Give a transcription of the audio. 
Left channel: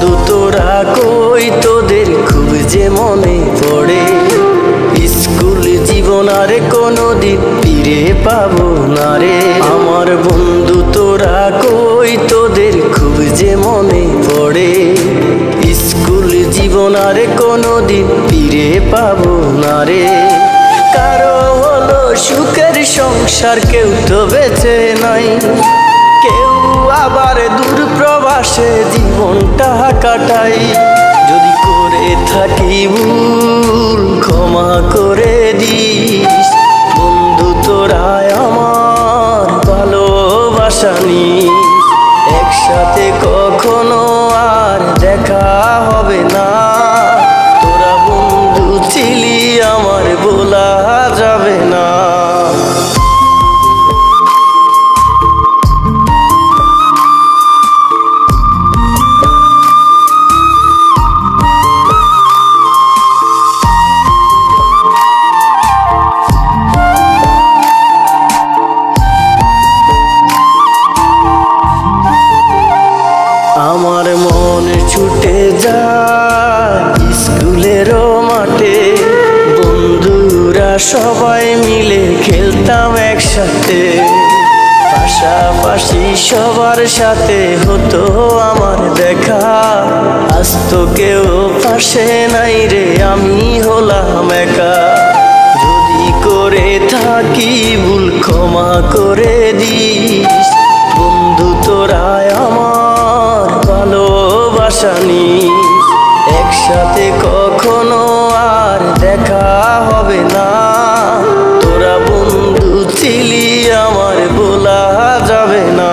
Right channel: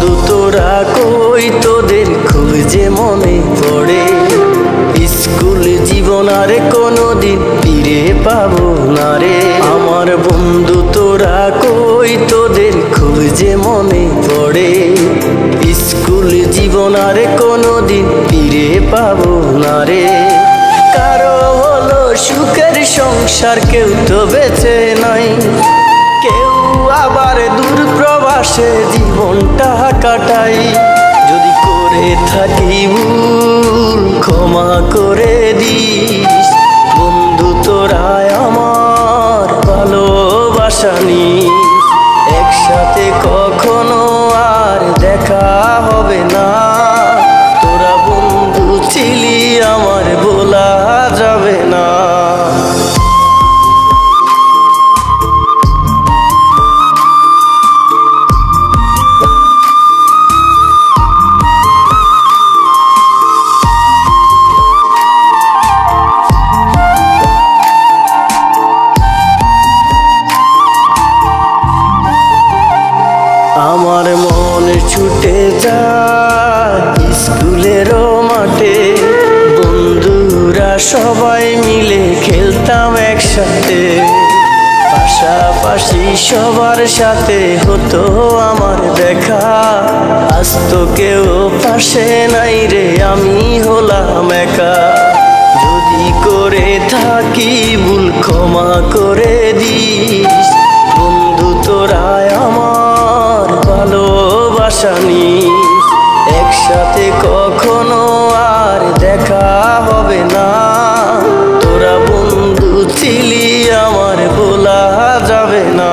বন্ধু তোরা কই, তোদের খুব যে মনে পড়ে। স্কুল জীবন আর কোনোদিন ফিরে পাবো না রে। আমার বন্ধু তোরা কই, তোদের খুব যে মনে পড়ে। স্কুল জীবন আর কোনোদিন ফিরে পাবো না রে। কারো হলো সুখের সংসার, কেউ তো বেঁচে নাই, কেউ আবার দূর প্রবাসে জীবনটা কাটাই। যদি করে থাকি ভুল ক্ষমা করে দিস, বন্ধু তোরা আমার ভালোবাসা নিস। একসাথে কখনো আর দেখা হবে না, তোরা বন্ধু ছিলি আমার বলা যাবে না। আমার মন ছুটে যায় স্কুলেরও মাঠে, বন্ধুরা সবাই মিলে খেলতাম একসাথে। পাশাপাশি সবার সাথে হতো আমার দেখা, আজ তো কেউ পাশে নাই রে, আমি হলাম একা। যদি করে থাকি ভুল ক্ষমা করে দিস, বন্ধু তোরা আমার ভালোবাসা নিস। একসাথে কখনো আর দেখা হবে না, তোরা বন্ধু ছিলি আমার বলা যাবে না।